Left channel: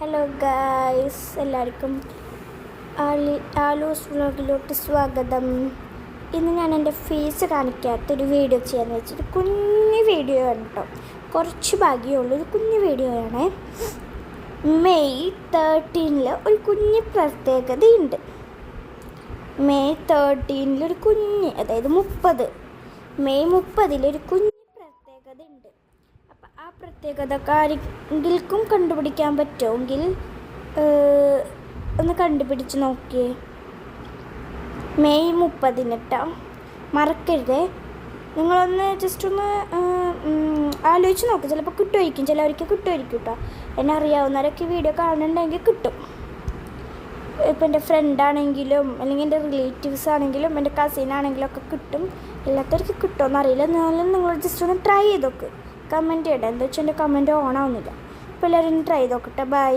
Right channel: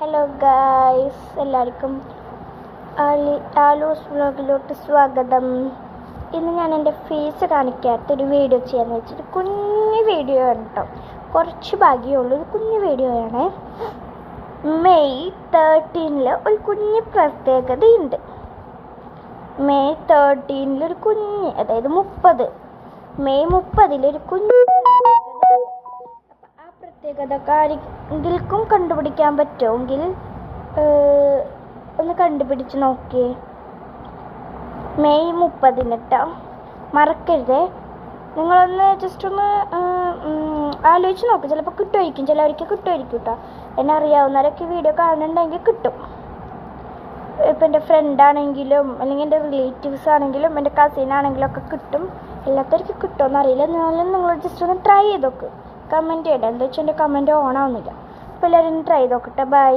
Hello guys, എല്ലാവർക്കും ആലൂസ് വ്ളോഗിലോട്ട് സ്വാഗതം. ഇന്ന് ഞാൻ എൻ്റെ ഫേസ് കാണിക്കാത്തൊരു വീഡിയോ ചെയ്യാമെന്ന് വെച്ചിട്ട് കുഞ്ഞു വീഡിയോ ആണ് കേട്ടോ. കുറച്ച് ഭാഗ്യമുള്ളൂ, ഒരു കുഞ്ഞു വീഡിയോ ആണ്. മെയ് 13 ഒരു കുഞ്ഞ് പ്രത്യേകതയുണ്ട്. മെയ് 13 ഒരു കുഞ്ഞ്, അതായത് 30 മെയ് 30 ഒരു കുഞ്ഞ് പ്രത്യേകത ആരെങ്കിലും കണ്ടുപിടിക്കാൻ പറ്റുമെങ്കിൽ ഒന്ന് കണ്ടുപിടിച്ച് നോക്കിയേ. മെയ് 30 കേട്ടോ, മറക്കരുതേ. നിങ്ങളൊന്ന് ജസ്റ്റ് ഒന്ന് ആലോചിച്ച് നോക്ക്. ചിലപ്പോൾ കിട്ടുമായിരിക്കും, ചിലവർക്ക് കിട്ടുമായിരിക്കും കേട്ടോ. എന്നെ അറിയാവുന്നവരൊക്കെ വീഡിയോ കാണുന്നുണ്ടെങ്കിൽ കിട്ടും. ഇപ്പം എൻ്റെ ഫ്രണ്ടാണെങ്കിലും അല്ലെങ്കിൽ എൻ്റെ റിലേറ്റീവ്സ് ആണെങ്കിലും എൻ്റെ കസിൻ ആണെങ്കിലും ഒക്കെ കിട്ടും. എല്ലാത്തവർക്ക് കിട്ടുമെന്ന് അറിയില്ല. എന്നാലും നിങ്ങൾ ജസ്റ്റ് ഒന്ന് ട്രൈ ചെയ്ത് നോക്ക്. കമൻറ്റ് ചെയ്യട്ടെ. എന്താ വെച്ചാൽ എൻ്റെ കമൻറ്റ് ഓൺ ആവുന്നില്ല. അപ്പോൾ എല്ലാവരും ട്രൈ ചെയ്ത് നോക്കട്ടെ. ബൈ.